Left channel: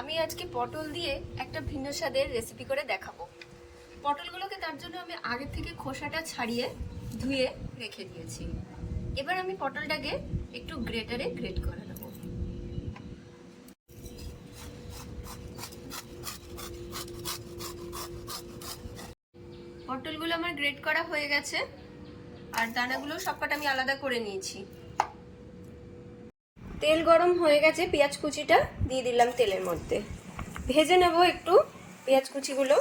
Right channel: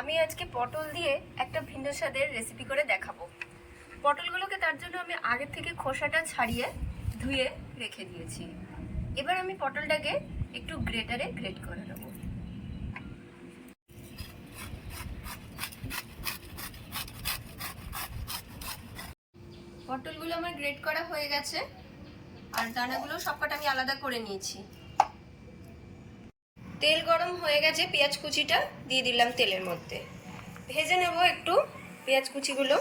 আমি আজকে পটল দিয়ে একটা ভিন্ন স্বাদের রেসিপি করে দেখাবো। পটলগুলোকে তার জন্য আমি আগের থেকে খোসাটা ছাড়িয়ে ধুয়ে রেখে দিয়েছি। এবার আমি পটলটাকে একটু গ্রেটারে গ্রেট করে নেব। পটলগুলো আমার গ্রেট করা হয়ে গেছে। আর দানাগুলো সবকটা আমি আলাদা করে নিয়েছি। তেল গরম হয়ে গেছে পেঁয়াজ কুচিটা, দিয়ে দিলাম তেলের মধ্যে। ভেজে নেব একটু পেঁয়াজ কুচিগুলো।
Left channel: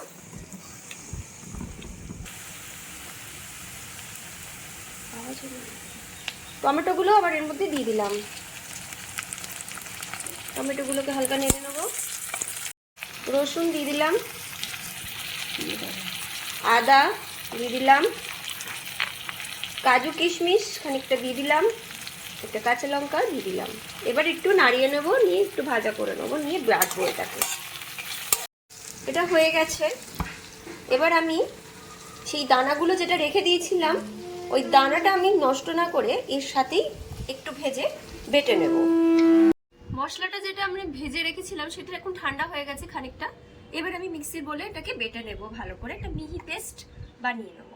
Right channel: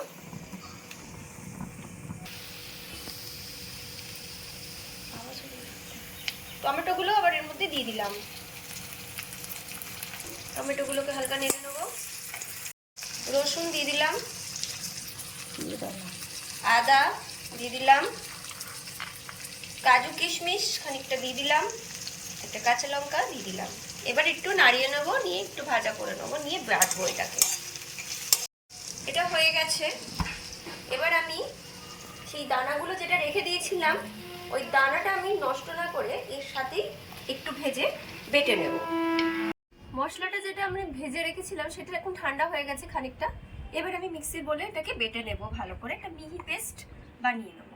টমেটোগুলো আবার এর মধ্যে দিয়ে দিলাম। টমেটোগুলোকে হালকা নেড়ে নেব। রসুন দিয়ে দিলাম। আদা দিয়ে দিলাম। কাজু কিশমিশ খানিকটা দিয়ে দিলাম। একটা কাঁচা লঙ্কা দিয়ে দিলাম। এবার একটু নাড়িয়ে নেব, নিয়ে একটু ভাজা করে নেব, নিয়ে বাটবো এটাকে। এটা হয়ে গেছে। এবার আমি সেই দানাগুলো যেটা রেখে দিয়েছিলাম, ওই দানাটা আমি নষ্ট না করে এর সাথেই একটু ভেজে বেটে নেব। মশলাটা যেটা আমি ভেজে রেখেছিলাম, সেটা এখন ঠান্ডা হয়ে গেছে খানিকটা। এবার আমি মিক্সির বলে এটাকে বেটে নেব ভালো করে। একটা মিহি পেস্ট বানিয়ে নেব।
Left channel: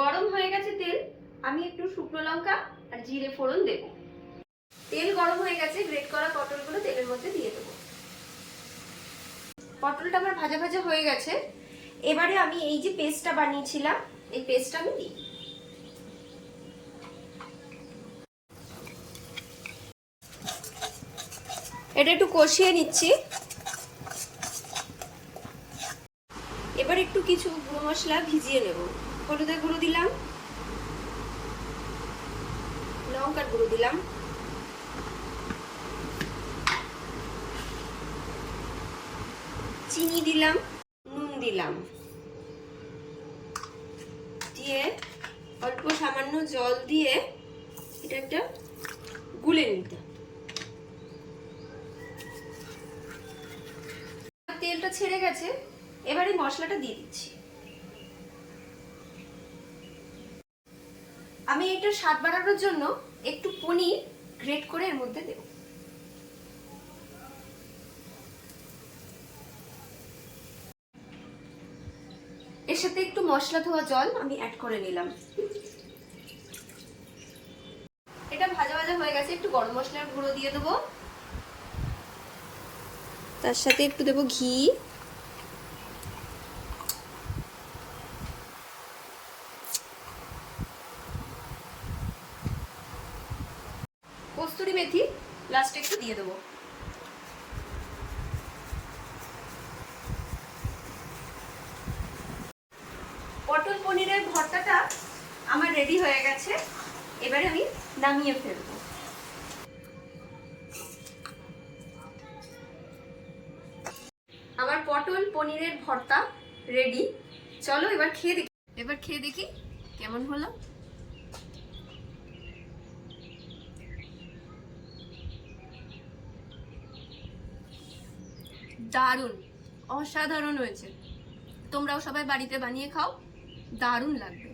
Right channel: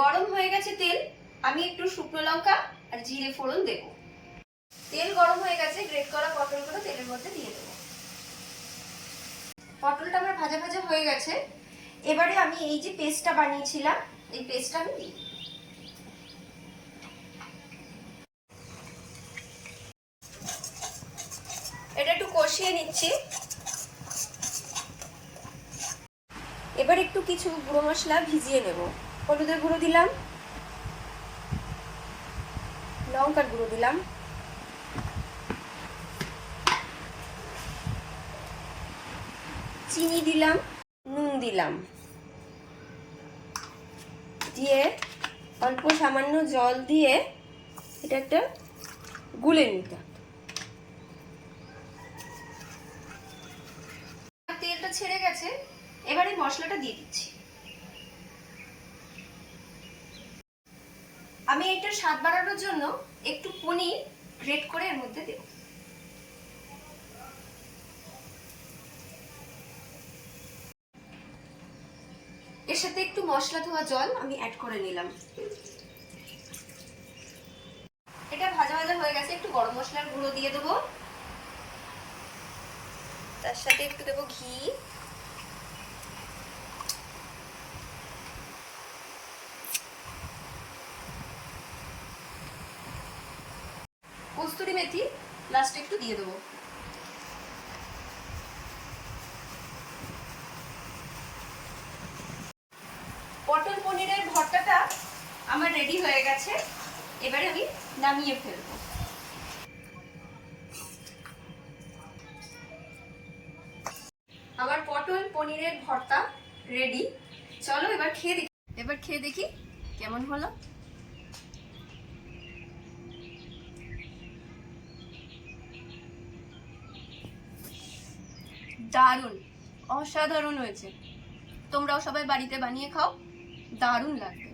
গরম হয়ে গেছে তেল, আমি একটু শুকনো লঙ্কা আর জিরে ফোড়ন দেব। তেল গরম হয়ে গেছে, গ্রেট করা পটলগুলো তেলের মধ্যে দিয়ে দেবো। পটলটা আমার ভাজা ভাজা হয়ে গেছে। এবারে আমি এই যে পেস্টটা বানিয়েছিলাম, এই পেস্টটা আমি দিই। এটা একটু কষিয়ে নিচ্ছি। এবার একটু কিছু গুঁড়ো মশলা ভিজিয়ে নেব। হলুদের গুঁড়ো দিলাম। লঙ্কার গুঁড়ো দিলাম। চিনি দিলাম, নুন দিলাম। দিয়ে অল্প সামান্য জল দিয়ে এটা একটা গুলে নিতে তেলটা ছেড়ে গেছে, এবারে মশলাটা দিয়ে দিচ্ছি। আমি এটা স্বাদ বাড়ানোর জন্য একটু পনির গ্রেট করে এর মধ্যে দেব। এর সাথে একটু মশলা ধোয়া জল আমি অ্যাড করে নিলাম। এটা ভাজা ভাজা হয়ে গেছে, একটু গরম মশলার গুঁড়ো দিয়ে দেবো। তার সাথে একটু দেবো ঘি। কস্তুরি মেথি লাস্টে একটু দিয়ে দেবো। পটল পনিরের ভর্তাটা আমার রেডি হয়ে গেছে। এবারে আমি নামিয়ে ফেলব। আমার পটল পনিরের ভর্তা রেডি চলো এবার খেয়ে দেখি। এবার খেয়ে দেখি কেমন হলো। দারুণ অসাধারণ হয়েছে। তোমরাও সবাই বাড়িতে বানিয়ে খাও দারুণ লাগবে।